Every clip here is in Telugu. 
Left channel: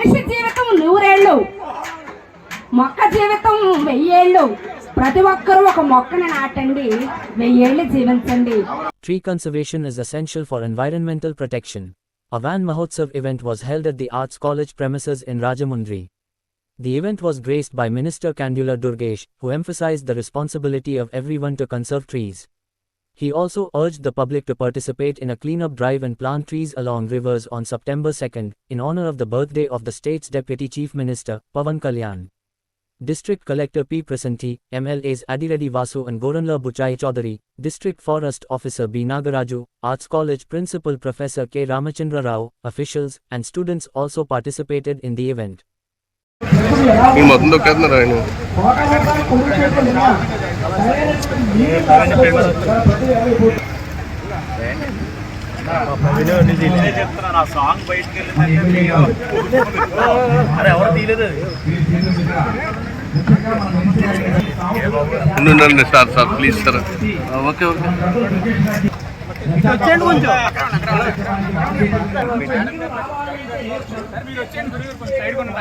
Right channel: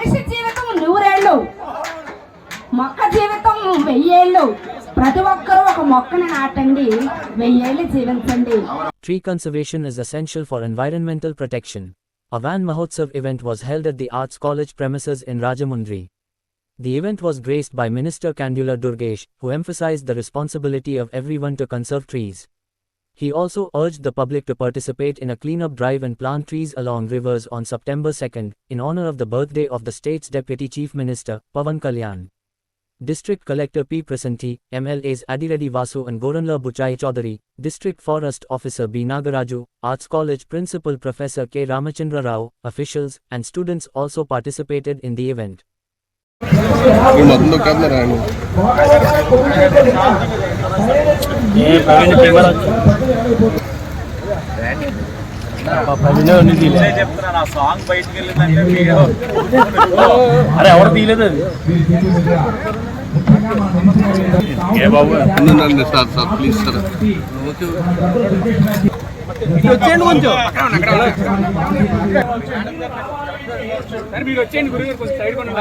మనిషి జీవితం 100 ఏళ్ళు, మొక్క జీవితం 1000 ఏళ్ళు. ప్రతి ఒక్కరూ ఒక మొక్కని నాటండి, 1000 ఏళ్ళు జీవించండి. Tree conservation is essential for environmental protection. A Van Mahotsav event was held at the Arts College premises in Rajamundry. The event was graced by Minister Kandula Durgesh, who emphasized the responsibility of everyone to conserve trees. He also urged the public to participate in a cleanup drive and plant trees along rivers on September 2nd, in honor of the birthday of the state's Deputy Chief Minister, Pawan Kalyan. District Collector P. Prasanthi, MLAs Adireddy Vasu and Goranla Buchai Chaudhary, District Forest Officer B. Nagaraju, Arts College Principal Professor K. Ramachandra Rao, officials, and students also participated in the event. చెప్తున్నా సాంగ్ బయటకు వెళ్ళిందంటే సార్ ప్లీజ్ సార్. ఓకే వచ్చేయండి కొంచెం మీరు వచ్చేయండి గురుగారు కొంచెం సైడ్ కొన్ని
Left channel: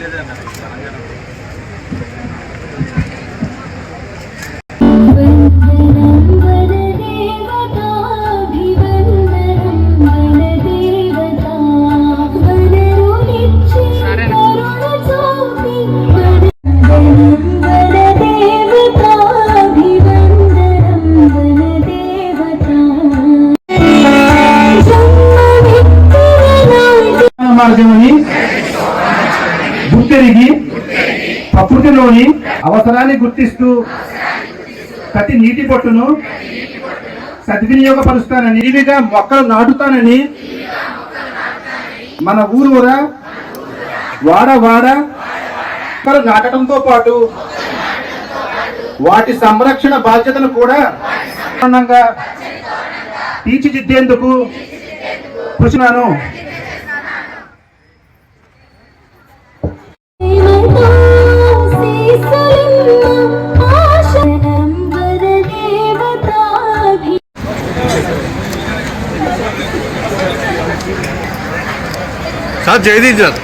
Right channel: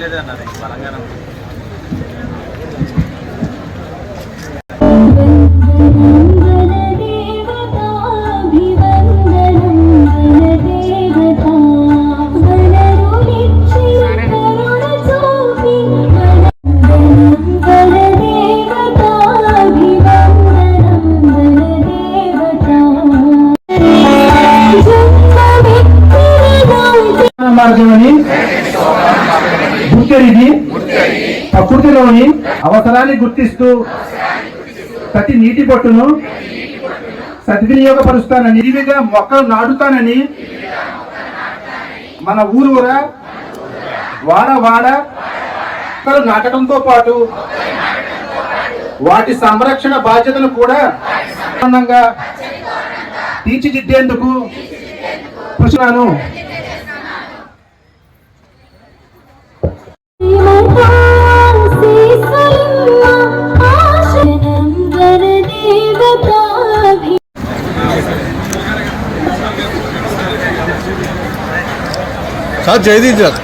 లేదన్నది బలంగా ప్రకృతిలోని అవసరాన్ని గుర్తిస్తూ ప్రతి నీటి బొట్టును సద్వినియోగపరుస్తానని, ఇవిగా మొక్కలు నాటుతానని, మన ఊరూరా వాడ మొక్కలు నాటడంతో పాటు వాటి సంరక్షణ బాధ్యతను కూడా తీర్చిదిద్దేందుకు కృషినాను. Sir Jaydeep sir